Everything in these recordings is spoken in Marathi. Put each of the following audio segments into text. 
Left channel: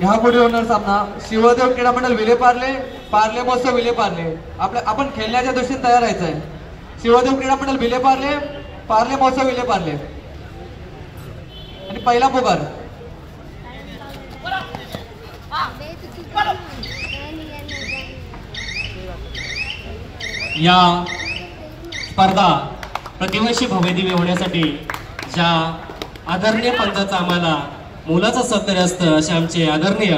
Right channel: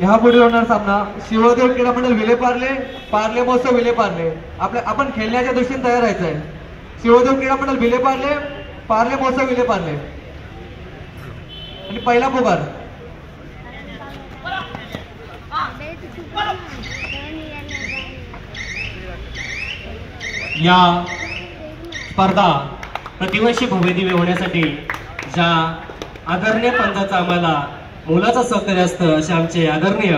ह्यापुढे होणार सामना शिवदेव क्रीडा मंडळ विलेपार्ले पार्ले महोत्सव विलेपार्ले. आपण खेळण्याच्या दृष्टीने तयार राहायचं आहे. शिवदेव क्रीडा मंडळ विलेपार्ले पार्ले महोत्सव विलेपार्ले. आणि पहिला पुकार या स्पर्धा प्रतिवर्षी भव्यदिव्य होण्यासाठी ज्या आदरणीय पंचाचं आम्हाला मोलाचं सहकार्य असतं असे आमचे आदरणीय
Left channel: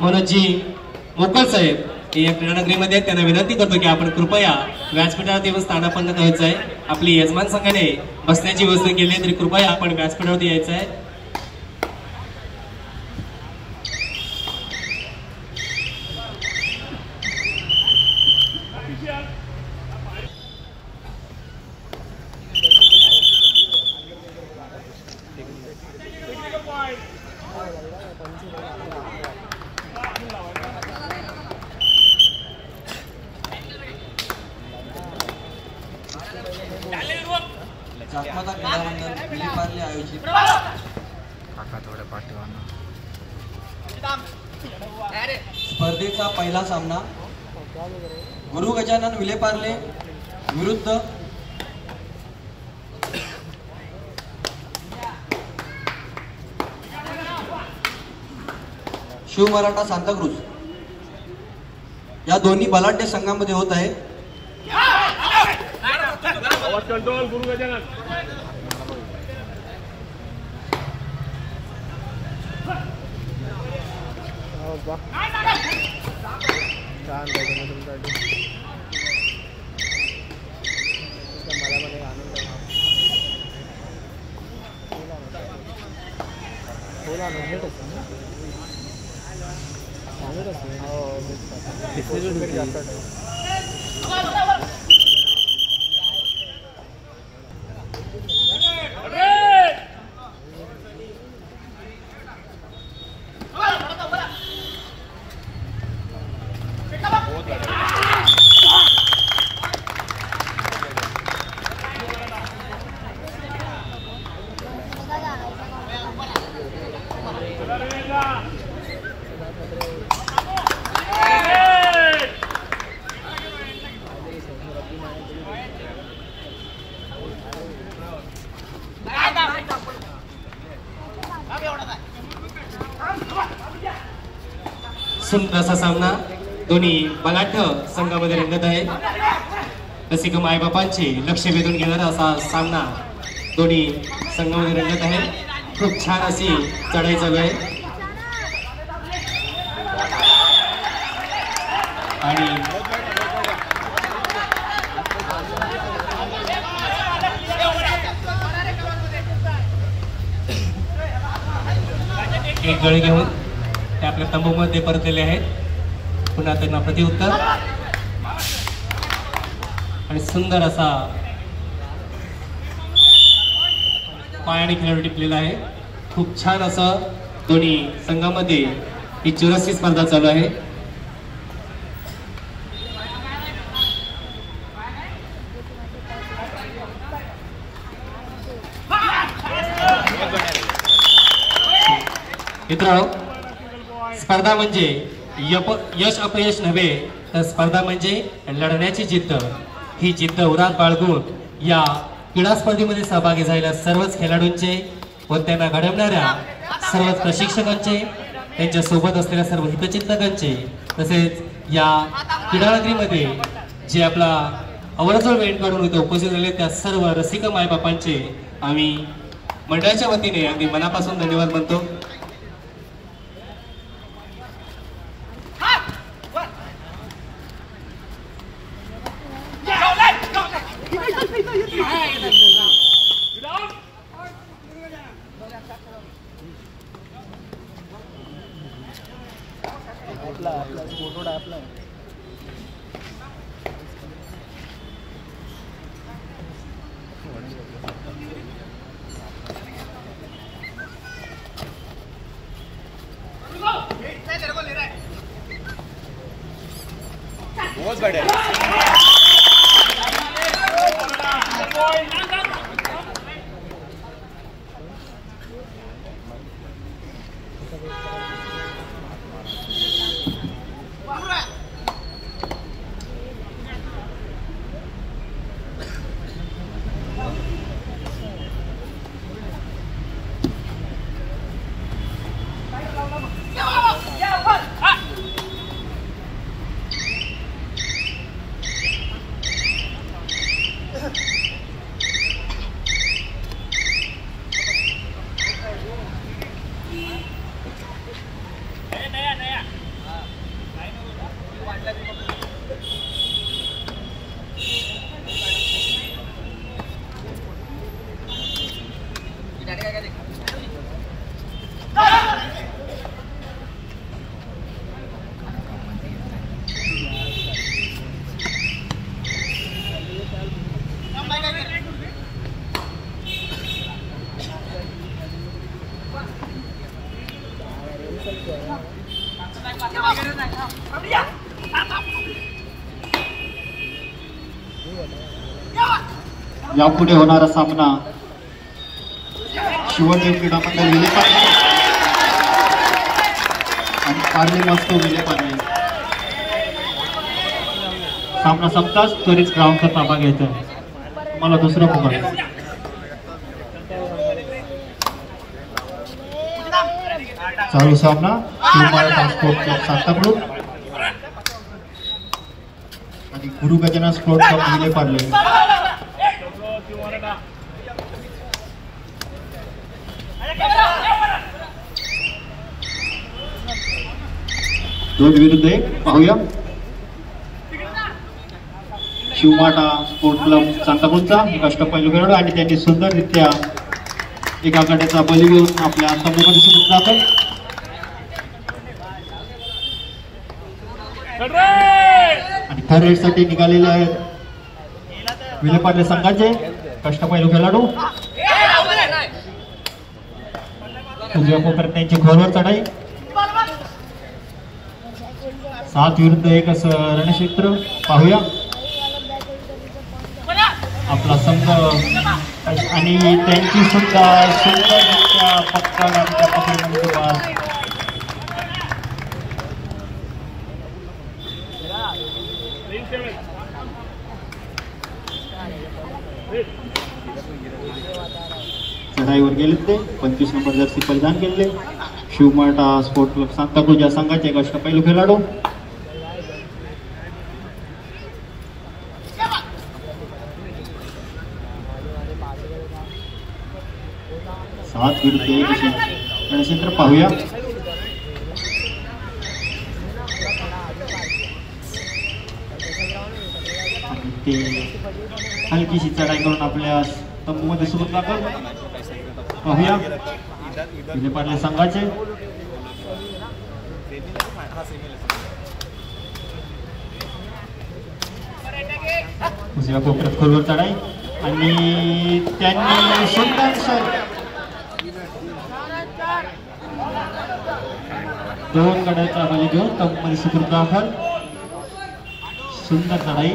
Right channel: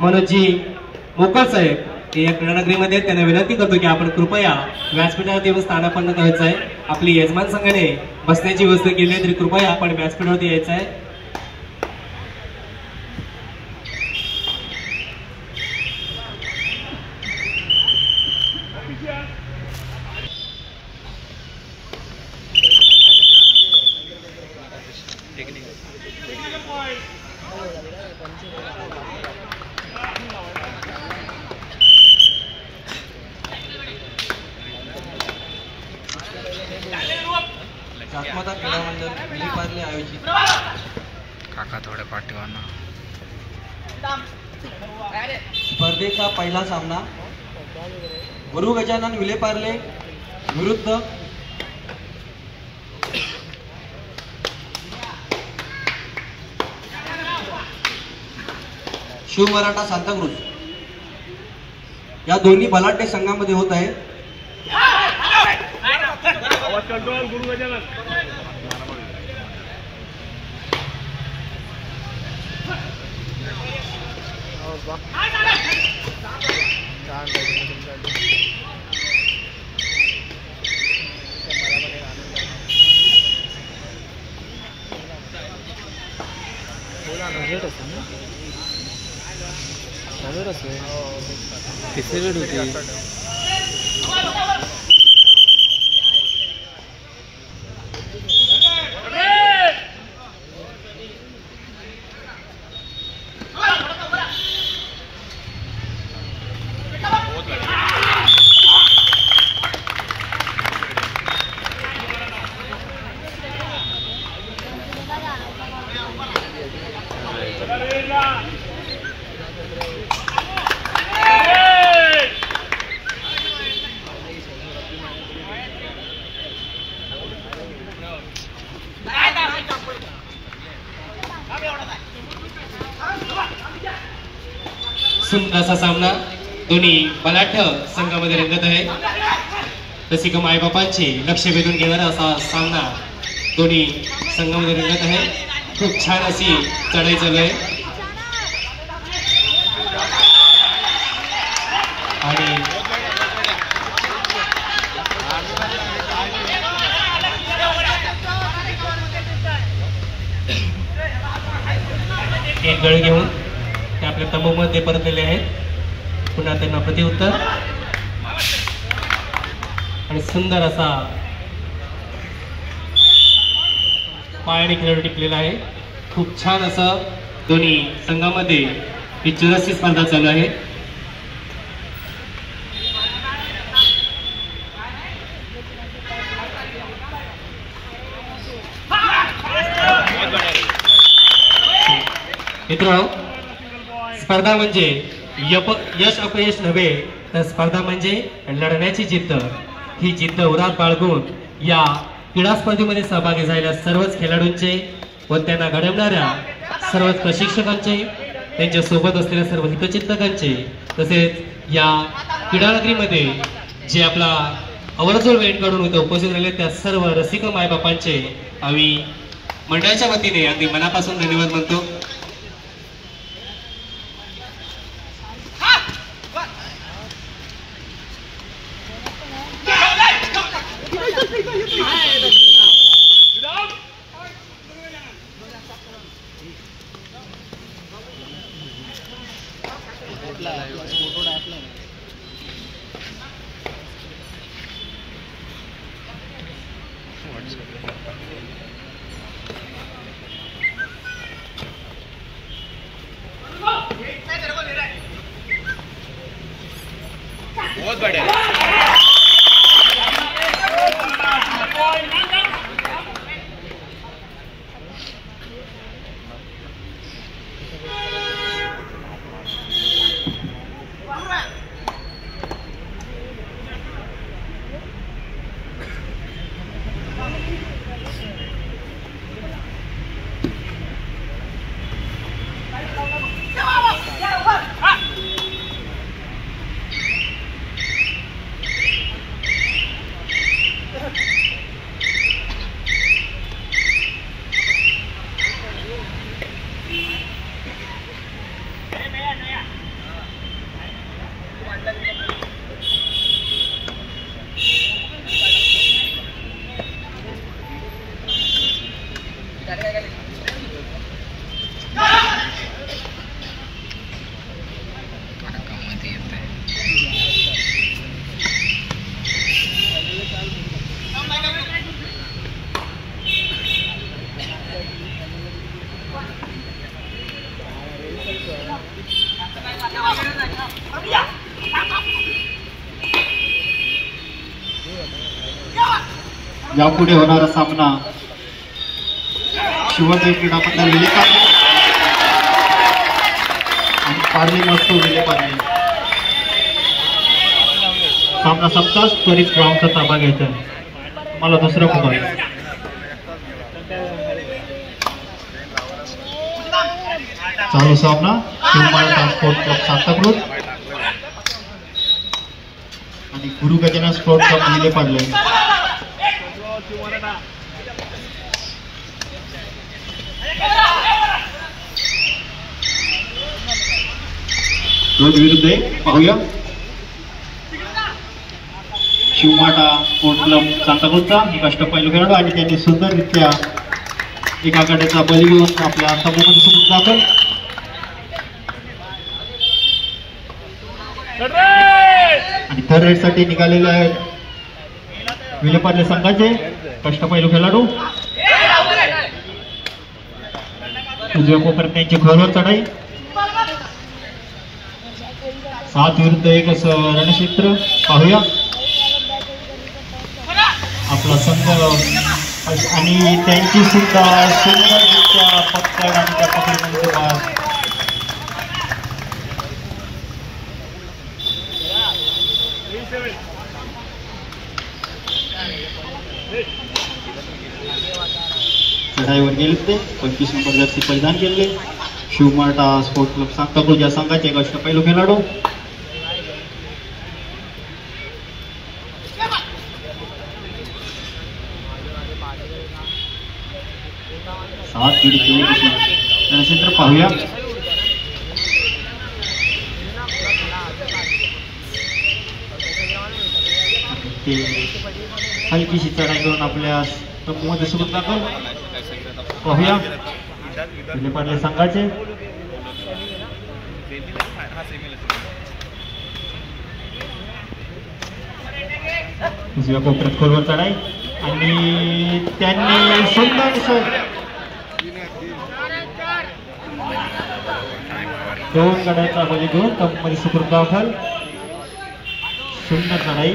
मनोजजी मोकाळ साहेब या क्रीडानगरीमध्ये त्यांना विनंती करतो की आपण कृपया व्यासपीठावरती येऊन स्थानापन्न करायचं आहे. आपली यजमान संघाने बसण्याची व्यवस्था केली आहे तरी कृपया आपण व्यासपीठावरती यायचं आहे. जातमाता क्रीडा मंडळ विलेपार्ले आयोजित काका थोड्या पाठीवाना स्पर्धेचा पहिला सामना गुरु गजानन विलेपार्ले विरुद्ध शिव मराठा सांताक्रूज या दोन्ही बलाढ्य संघामध्ये होत आहे. कंट्रोल गुरु गजानन सुंदर असा सामना दोन्ही बलाढ्य संघामध्ये रंगत आहे. रसिक मायबापांचे लक्ष वेधून घेणारा असा सामना दोन्ही संघामध्ये रंगत आहे. खूप छान अशी चढाई चालू आहे आणि एक गळ घेऊन ते आपल्या तंबूमध्ये परतलेले आहेत. पुन्हा त्यांना प्रतिउत्तर आणि सुंदर असा पायाने खेळाडू टिपलेला आहे. खूप छान असं दोन्ही संघामध्ये ही चुरशी स्पर्धा चालू आहे. मित्र, स्पर्धा म्हणजे यश अपयश नव्हे तर स्पर्धा म्हणजे लढण्याची जिद्द. ही जिद्द उरात बाळगून या क्रीडा स्पर्धेमध्ये सहभागी झालेल्या सर्वच खेळाडूंचे व त्यांना घडवणाऱ्या सर्वच प्रशिक्षकांचे, त्यांच्या सोबत असलेल्या सर्व हितचिंतकांचे, तसेच या क्रीडानगरीमध्ये जे आपला अवरजवळ वेळ काढून इथे उपस्थित राहिले त्या सर्व रसिक मायबापांचे आम्ही मंडळाच्या वतीने अगदी मनापासून धन्यवाद म्हणतो. बहुत बड़े यापुढे होणारा सामना शिवदेव क्रीडा मंडळ विलेपार्ले आणि पार्ले महोत्सव विलेपार्ले. सामना संपताच त्वरित ग्राउंडचा ताबा घ्यायचा आहे. तुम्हाला दुसरं मोबाईल चालू सामना शिवमाळ ट्रान्सपोर्ट क्लब सांताक्रूज आणि गुरु गजानन स्पोर्ट्स क्लब विलेपार्ले. दोन विरुद्ध एक पाहूया. शिवमाटा स्पोर्ट्स क्लब सांताक्रूजचा एक अष्टपैलू खेळाडू आणि त्यांनी सुंदररित्या एका गड्याचा बली घेऊन आपल्या समूहामध्ये सुरू दाखल. आणि थर्ड राईड साठी निघालेले आहेत विलेपार्ले संघाचे अष्टपैलू खेळाडू. उजव्या कोपऱ्यात त्यांची खोलवर चढाई. 7 विरुद्ध 1 असं रणक्षेत्र पाहूया. आपला संघ आणि त्यांची सुद्धा सुंदररित्या पक्कड आणि त्या पकडीमध्ये बाद. चढाईवर गेले ते 25 नंबर जर्सी परिधान केलेले शिवमाटा स्पोर्ट्स क्लब सांताक्रूज या संघाचे एक अष्टपैलू खेळाडू. रणक्षेत्र पाहूया. ते हलकीशी चढाई करून आपल्या तंबूमध्ये सुरू दाखल पाहूया विलेपार्ले संघाचे. दुसऱ्या कोपऱ्यात खोलवर चढाई आणि त्यांनी सुंदर दोन गड्याचा बली घेऊन तंबूमध्ये सुखरूप दाखल. सुंदर चढाई.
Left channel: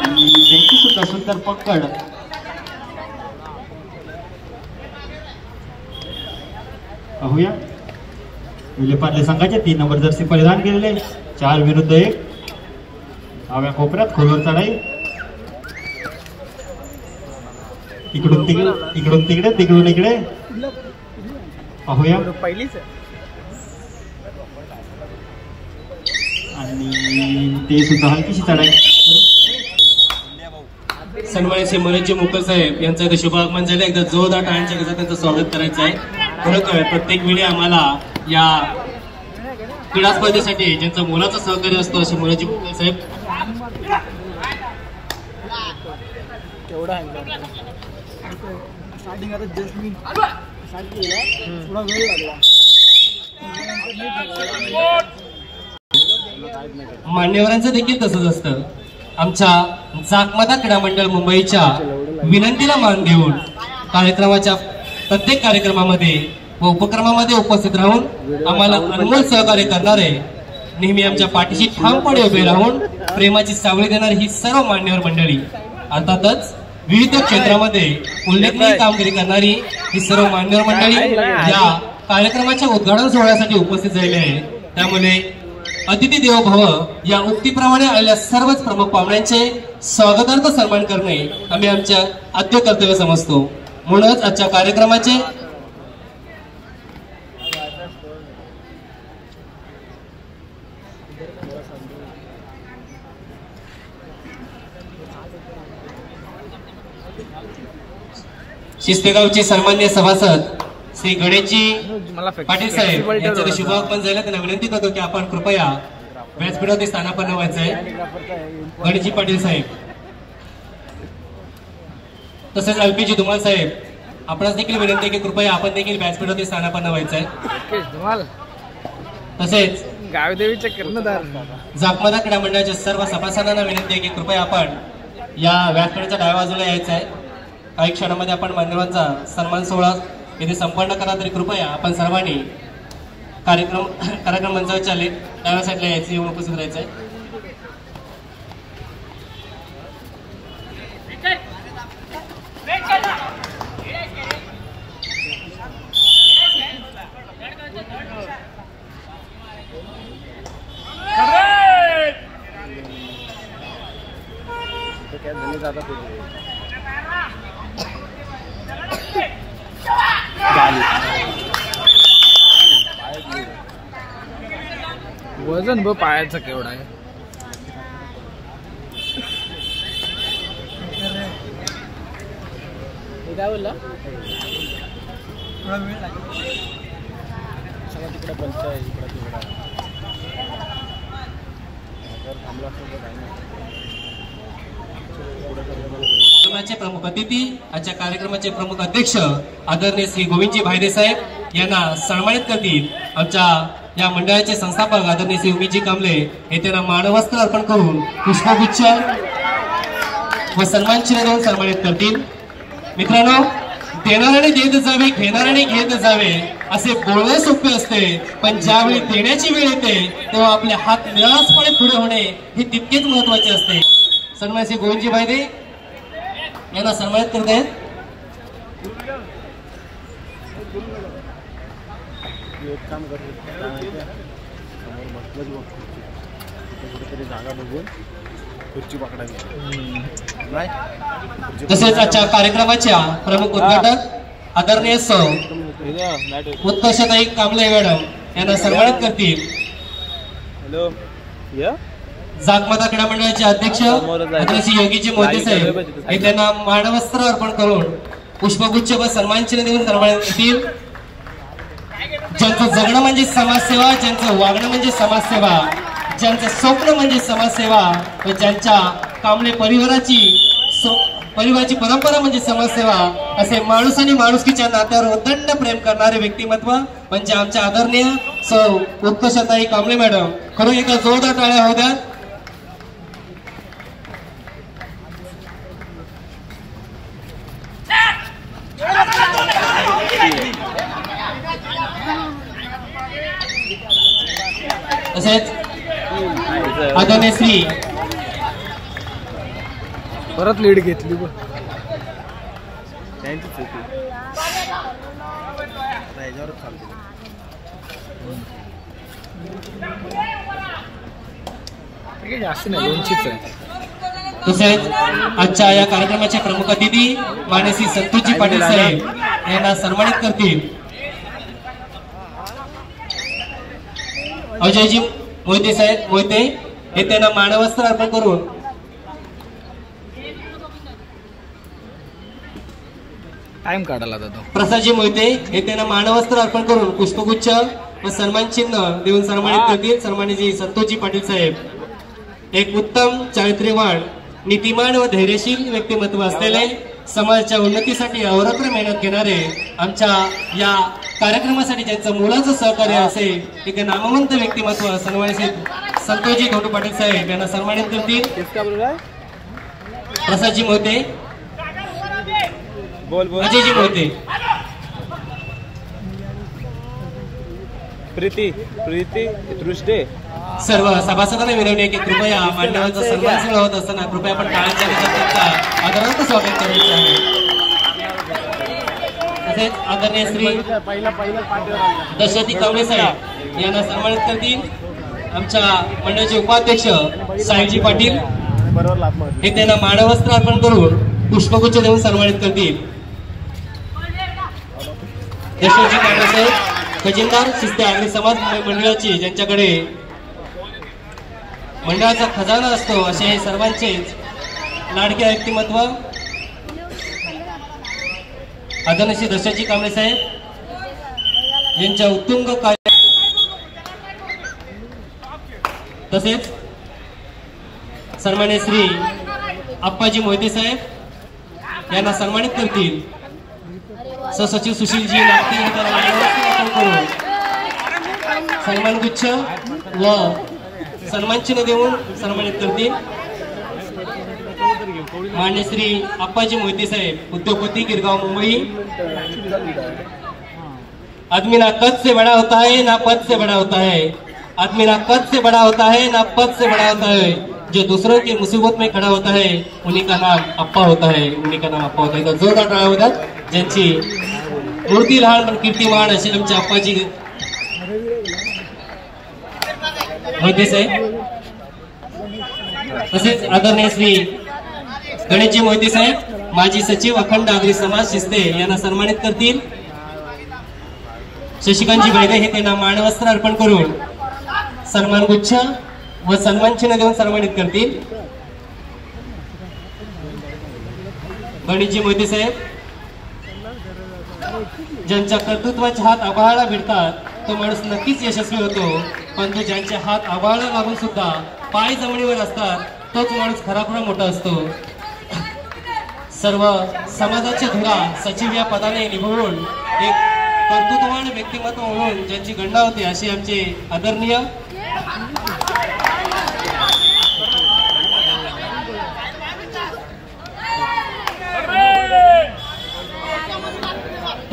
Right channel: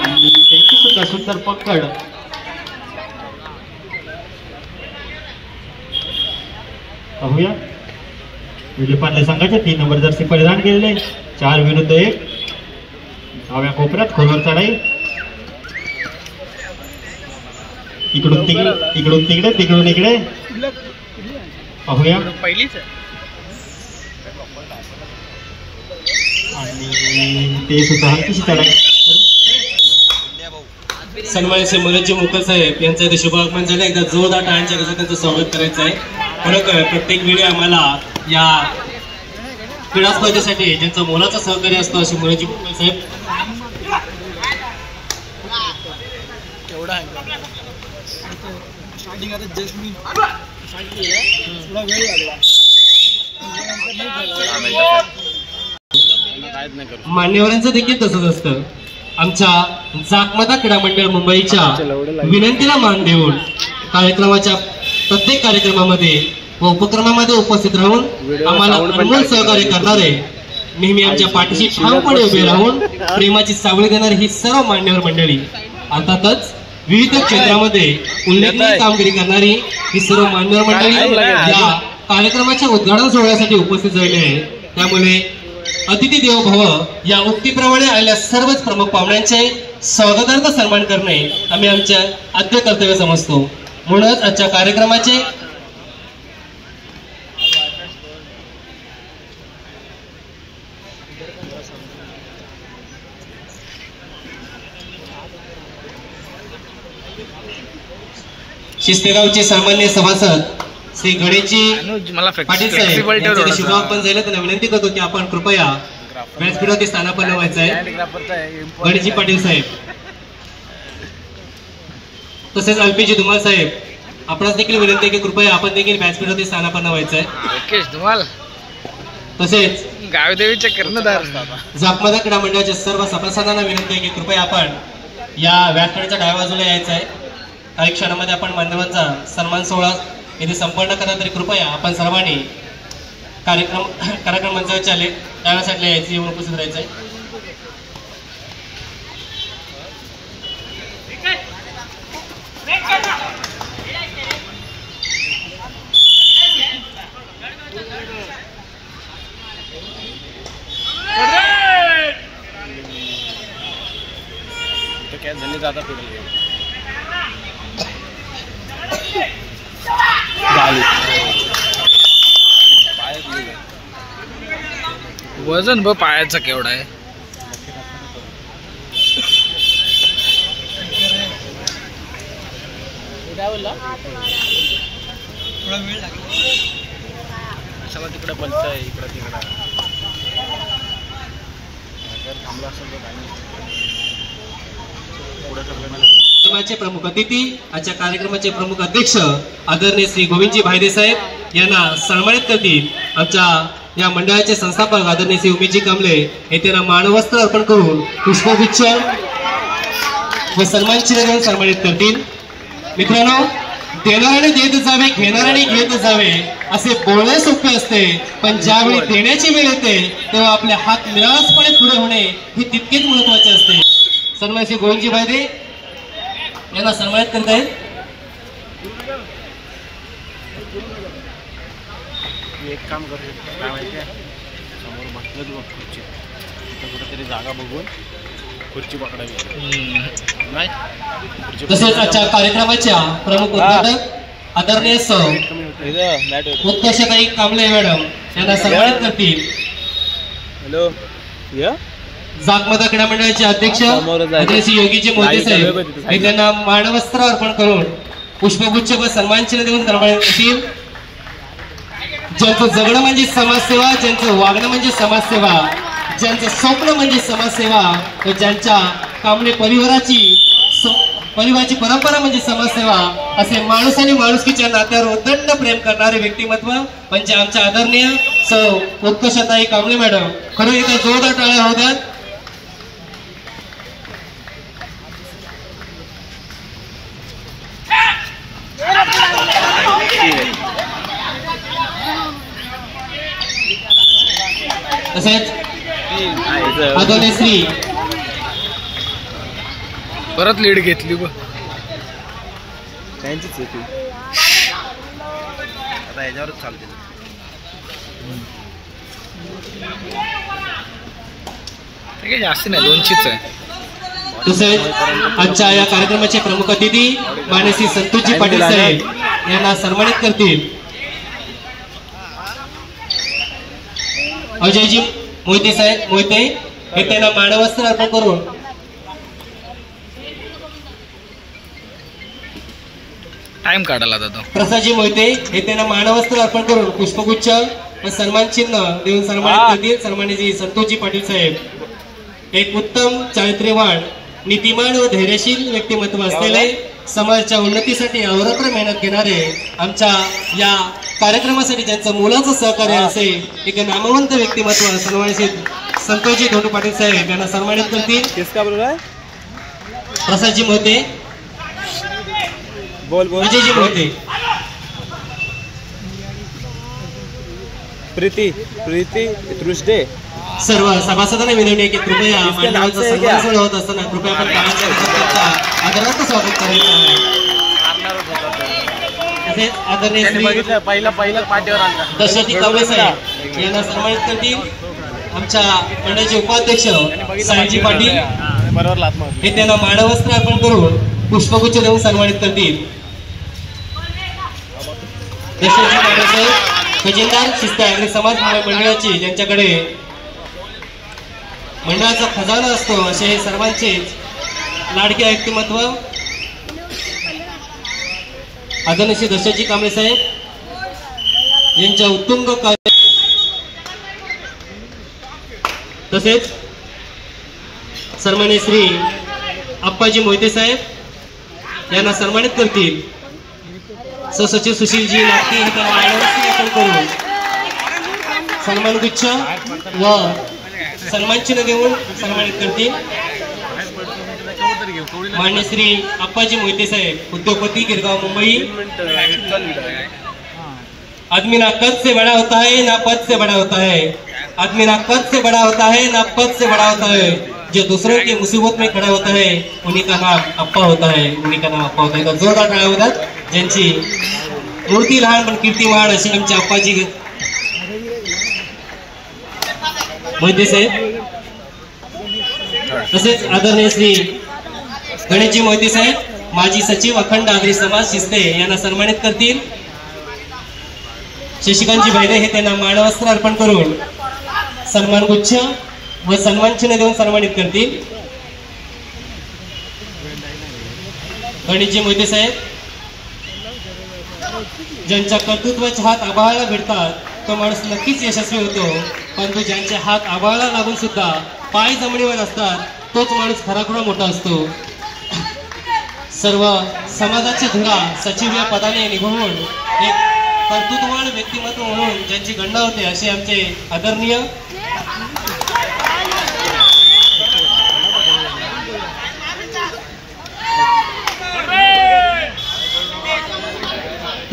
आणि त्यांची सुद्धा सुंदर पकड. पाहूया विलेपार्ले संघाचे 3 नंबर जर्सी परिधान केलेले 4 विरुद्ध 1 डाव्या कोपऱ्यात खोलवर चढाई. इकडून तिकडे इकडून तिकडे तिकडून इकडे पाहूया. आणि ते सुद्धा हलकीशी चढाई. सन्माननीय मनोज मुकल साहेब यांचा इथे शुभागमन झाले. एकदा जोरदार टाळ्यांच्या गजरात त्यांचं स्वागत करायचं आहे. खरोखर प्रत्येक वेळी आम्हाला या क्रीडा स्पर्धेसाठी ज्यांचं मोलाचं सहकार्य असतं असे मनोज मुकल साहेब. मान्यवरांचं देखील तसंच असतं. आमच्या जाकमदा क्रीडा मंडळ मुंबईच्या विनंतीला मान देऊन कार्यक्रमाच्या प्रत्येक कार्यक्रमामध्ये व उपक्रमामध्ये उपस्थित राहून आम्हाला अनमोल सहकार्य करणारे, नेहमी आमच्या पाठीशी ठामपणे उभे राहून प्रेमाची सावळी देणारी ही सर्व मान्यवर मंडळी, अर्थातच विविध क्षेत्रामध्ये उल्लेखनीय कामगिरी करणारी ही सर्व मान्यवर मंडळी या कार्यक्रमाच्या उद्घाटन सोहळ्यासाठी उपस्थित झालेली आहे. त्यामुळे अतिथी देवो भव या उक्तीप्रमाणे आलेल्या सर्वच प्रमुख पाहुण्यांचे स्वागतार्थ सन्मान करणे आम्ही आमच्या आद्य कर्तव्य समजतो. म्हणूनच आजच्या कार्यक्रमाचे शिस्तेगावचे सन्माननीय सभासद श्री गणेशजी पाटील साहेब यांचे शुभागमन झाले. त्यांना विनंती करतो की आपण कृपया व्यासपीठावरती स्थानापन्न व्हायचं आहे. गणेशजी पाटील साहेब, तसेच अल्पीजी धुमाल साहेब, आपणास देखील विनंती आहे की कृपया आपण देखील व्यासपीठावरती स्थानापन्न व्हायचं आहे. तसेच गावदेवीचे कर्णधार जाकमदा क्रीडा मंडळाच्या सर्व सभासदांना विनंती आहे की कृपया आपण या व्यासपीठाच्या डाव्या बाजूला यायचं आहे. काही क्षणामध्ये आपण मान्यवरांचा सन्मान सोहळा येथे संपन्न करा, तरी कृपया आपण सर्वांनी कार्यक्रम मंचावरच्या डाव्या साईडला यायचं, येऊन उपस्थित राहायचंय. वजन ब पायाचा केवढा आहे. तिकडे बलत आहे, इकडे तिकडे थांबला असेल कार्यक्रमाचे प्रमुख अतिथी, आजच्या कार्यक्रमाचे प्रमुख अध्यक्ष आदरणीय श्री गोविंदजी भायदे साहेब यांना सन्मानित करतील. आमच्या या मंडळाचे संस्थापक आदरणीय श्री उमेशजी कांबळे हे त्यांना मानवस्त्र अर्पण करून पुष्पगुच्छ व सन्मान चिन्ह देऊन सन्मानित करतील. मित्रांनो, देणाऱ्याने देत जावे, घेणाऱ्याने घेत जावे असे बोलणे सोपे असते, पण ज्यावेळी देण्याची वेळ येते तेव्हा आपले हात निराळसपणे पुढे होणे हे तितकेच महत्वाचे असते. सन्मान श्री गोविंदजी भायदे यांना सन्मानित करत आहेत. एक काम करू शकतो, काय माहिती आहे, समोर बसलं बघ खुर्ची, तिथे कुठेतरी जागा बघून खुर्ची पकडावी. तसेच आजच्या कार्यक्रमाच्या प्रमुख उद्घाटक आदरणीय सौ उत्कर्षताई कांबळे मॅडम यांना सन्मानित करतील. हॅलो, जागमाता क्रीडा मंडळाचे अध्यक्ष आदरणीय योगीजी मोहिते साहेब हे त्यांना मानवस्त्र अर्पण करून पुष्पगुच्छ व सन्मान चिन्ह देऊन सन्मानित करतील. ज्यांचं जगणं म्हणजे समाजसेवा, ज्यांचं वागणं म्हणजे समाजसेवा, ज्यांचं स्वप्न म्हणजे समाजसेवा व ज्यांच्या कांबळे परिवाराची परंपरा म्हणजे समाजसेवा, असे माणूस आणि माणुसकीच्या नात्यावर उदंड प्रेम करणारे व्यक्तिमत्व म्हणजे आमच्या आदरणीय सौ उत्कर्षताई कांबळे मॅडम. खरं एका जोरदार टाळ्या होऊ द्या. तसेच आदरणीय श्री परत लीड घेतली ब त्यांचीच होती, आता याच्यावरच चालते. जास्त नाही, 200च आहे. तसेच आजच्या या कार्यक्रमाचे प्रमुख अतिथी मानसी संतोषजी पाटील साहेब यांना सन्मानित करतील. अजयजी मोहिते साहेब मोहिते हे त्यांना मानवस्त्र अर्पण करून टाइम काढायला जातो. प्रसादजी मोहिते हे त्यांना मानवस्त्र अर्पण करून पुष्पगुच्छ व सन्मान चिन्ह देऊन सन्मानित करतील. सन्माननीय संतोषजी पाटील साहेब एक उत्तम चारित्र्यवान, नीतिमान व धैर्यशील व्यक्तिमत्व असलेले, समाजाच्या उन्नतीसाठी अहोरात्र मेहनत घेणारे, आमच्या या कार्यक्रमासाठी ज्यांचं मोलाचं सहकार्य असे एक नामवंत व्यक्तिमत्व सन्मानित संतोषजी धोंडू पाटील साहेब यांना सन्मानित करतील. प्रसादजी मोहिते, अजयजी मोहिते, प्रीती दृष्टे सर्व सभासदांना विनंती आहे की कृपया मान्यवरांचा सन्मान सोहळा होत असताना कृपया आपण टाळ्यांच्या आदरांचं स्वागत करायचं आहे. तसेच आदरणीय श्री पहिला पाठीवर आला दशरथी कांबळे साहेब यांना सन्मानित करतील. आमच्या मंडळाचे उपाध्यक्ष साहेबजी पाटील हे त्यांना मानवस्त्र अर्पण करून पुष्पगुच्छ देऊन सन्मानित करतील. दशरथजी कांबळे साहेब खजिनदार शिस्ते आगरी समाज मंडळाची ज्यांच्याकडे मंडळाचा खजाना असतो असे हे सर्वांचे लाडके व्यक्तिमत्व आदरणीय श्री दशरथजी कांबळे साहेब यांच्या उत्तुंग कार्य. तसेच सन्माननीय श्री आप्पाजी मोहिते साहेब यांना सन्मानित करतील. सहसचिव सुशीलजी नागती हे त्यांना मानवस्त्र अर्पण करून सन्मानगुच्छ व सन्मान चिन्ह देऊन सन्मानित करतील. मान्य श्री अप्पाजी मोहिते साहेब, उद्योगपती, गिरगांव, मुंबई। आदमी ना कद से बड़ा होता है ना पद से बड़ा होता है, आदमी ना कद से बड़ा होता है ना पद से बड़ा होता है, जो दूसरों की मुसीबत में खड़ा होता है उन्हीं का नाम अप्पा होता है, उन्हीं का नाम अप्पा होता है। तर जोरदार टाळ्या होतात ज्यांची मूर्ती लहान पण कीर्ती महान असे आमचे अप्पाजी मोहिते साहेब। तसेच आदरणीय श्री गणेशजी मोहिते साहेब, माजी सचिव, अखंड आगरी समाज, शिस्ते यांना सन्मानित करतील। शशिकांतजी बैरे हे त्यांना मानवस्त्र अर्पण करून सन्मान गुच्छ व सन्मान चिन्ह देऊन सन्मानित करतील। गणेशजी मोहिते साहेब, ज्यांच्या कर्तृत्वाचे हात आभाळाला भिडतात तो माणूस नक्कीच यशस्वी होतो, परंतु ज्यांचे हात आभाळाला लागून सुद्धा पाय जमिनीवर असतात तोच माणूस खराखुरा मोठा असतो। सर्व समाजाची धुरा सचिव या पदाने निभवून एक कर्तृत्ववान व्यक्तिमत्व म्हणून ज्यांची गणना होते असे आमचे आदरणीय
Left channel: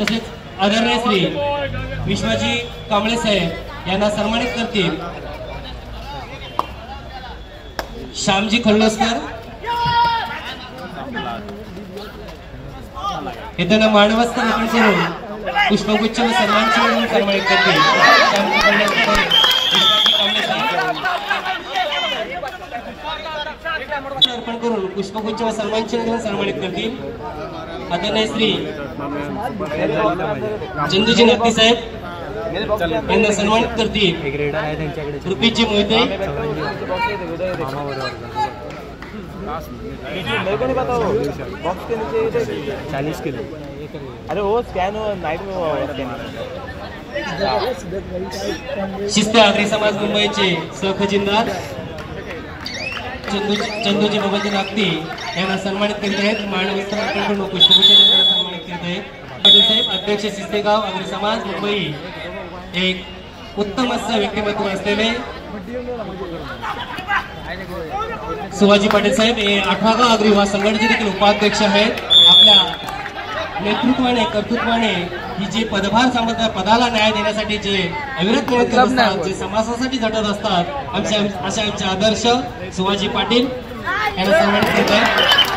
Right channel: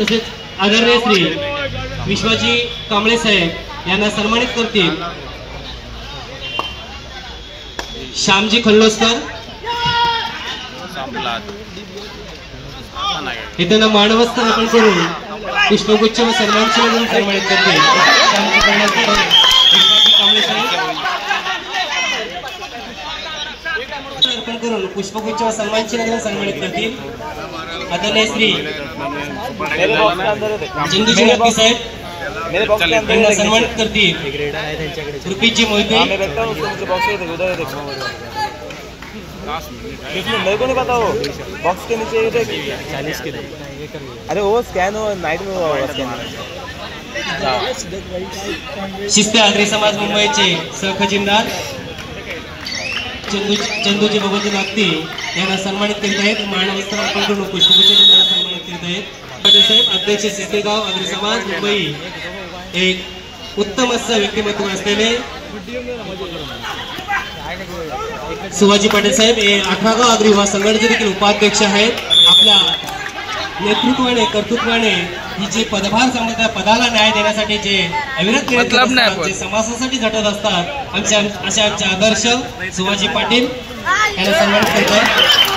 तसेच आदरणीय श्री विश्वाजी कांबळे साहेब यांना सन्मानित करतील। श्यामजी खल्लोस्कर हे त्यांना मानवस्त्र अर्पण करून पुष्पगुच्छ व सन्मान चिन्ह देऊन सन्मानित करतील। श्यामजी खल्लोस्कर, विश्वाजी कांबळे साहेब अर्पण करून पुष्पगुच्छ व सन्मान चिन्ह देऊन सन्मानित करतील। आदरणीय श्री चंदूजी नक्की साहेब यांना सन्मानित करतील। रुपीजी मोहिते, मेरे को नहीं पता वो बॉक्स के नीचे 40 के लिए। अरे वो स्कैन हो नाइट में शिस्ते आगरी समाज मुंबईचे सहखजिनदार चंदूजी बाबाजी नागती यांना सन्मानित करीत आहेत। मानवस्त्र अर्पण करून पुष्पगुच्छ देऊन सन्मानित करीत आहेत। पाटील साहेब, अध्यक्ष शिस्तेगाव आगरी समाज मुंबई, एक उत्तम असं व्यक्तिमत्व असलेले शिवाजी पाटील साहेब हे 18गाव आगरी युवा संघटनेचे देखील उपाध्यक्ष आहेत। आपल्या नेतृत्वाने कर्तृत्वाने ही जे पदभार सांभाळतात पदाला न्याय देण्यासाठी जे अविरत मेहनत करत असतात, जे समाजासाठी झटत असतात, आमचे आदर्श शिवाजी पाटील यांना सन्मानित करतात।